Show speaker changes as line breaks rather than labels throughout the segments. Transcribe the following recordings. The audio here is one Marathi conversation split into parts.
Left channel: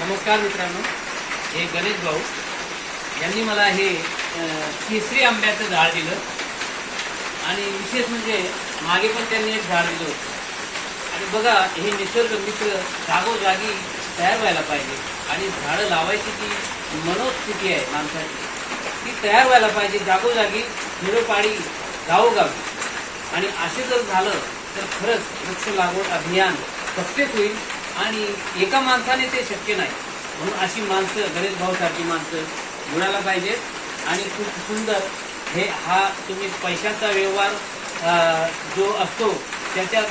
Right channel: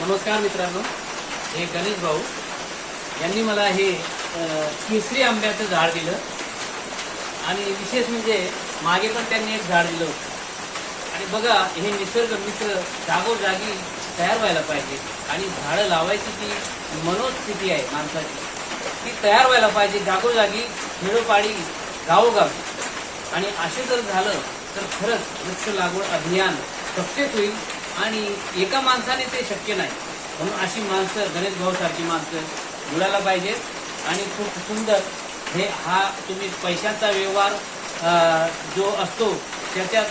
नमस्कार मित्रांनो हे गणेश भाऊ. यांनी मला हे तिसरी आंब्याचं झाड दिलं. आणि विशेष म्हणजे मागे पण त्यांनी एक झाड दिलं होतं. आणि बघा हे निसर्ग मित्र जागोजागी तयार व्हायला पाहिजे. आणि झाडं लावायची ती मनोस्थिती आहे माणसाची. ती तयार व्हायला पाहिजे जागोजागी खेडोपाडी गावोगावी. आणि असे जर झालं तर खरंच वृक्ष लागवड अभियान सक्सेस होईल. आणि एका माणसाने ते शक्य नाही. म्हणून अशी माणसं गणेश भाऊ सारखी माणसं जुळायला पाहिजेत. आणि खूप सुंदर हे हा तुम्ही पैशाचा व्यवहार जो असतो त्याच्यात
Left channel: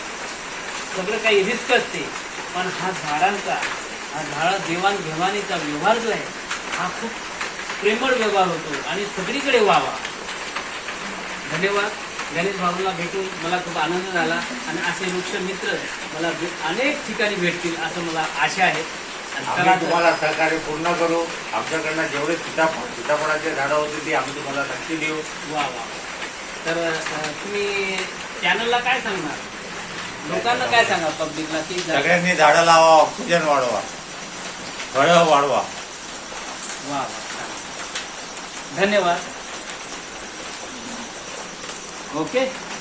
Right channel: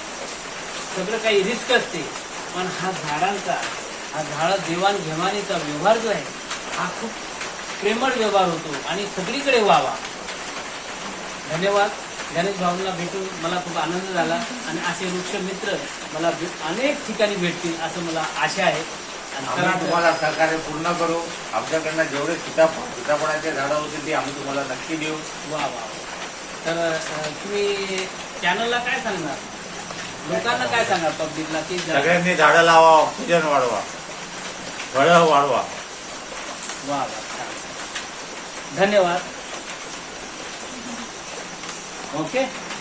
सगळं काही रिस्क असते. पण हा झाडांचा हा झाडा देवाणघेवाणीचा व्यवहार जो आहे हा खूप प्रेमळ व्यवहार होतो आणि सगळीकडे व्हावा. धन्यवाद. गणेश भाऊंना भेटून मला खूप आनंद झाला आणि असे वृक्ष मित्र मला अनेक ठिकाणी भेटतील असं मला आशा आहे.
आम्ही तुम्हाला सहकार्य पूर्ण करू. आमच्याकडनं जेवढे सीताफळ सीताफळाचे झाडं होतील ती आम्ही तुम्हाला नक्की देऊ.
वा वा. तर तुम्ही चॅनलला काय सांगणार? लोकांना काय सांगा पब्लिकला की
सगळ्यांनी झाडं लावा ऑक्सिजन वाढवा. फळं वाढवा.
वा वा धन्यवाद. Okay?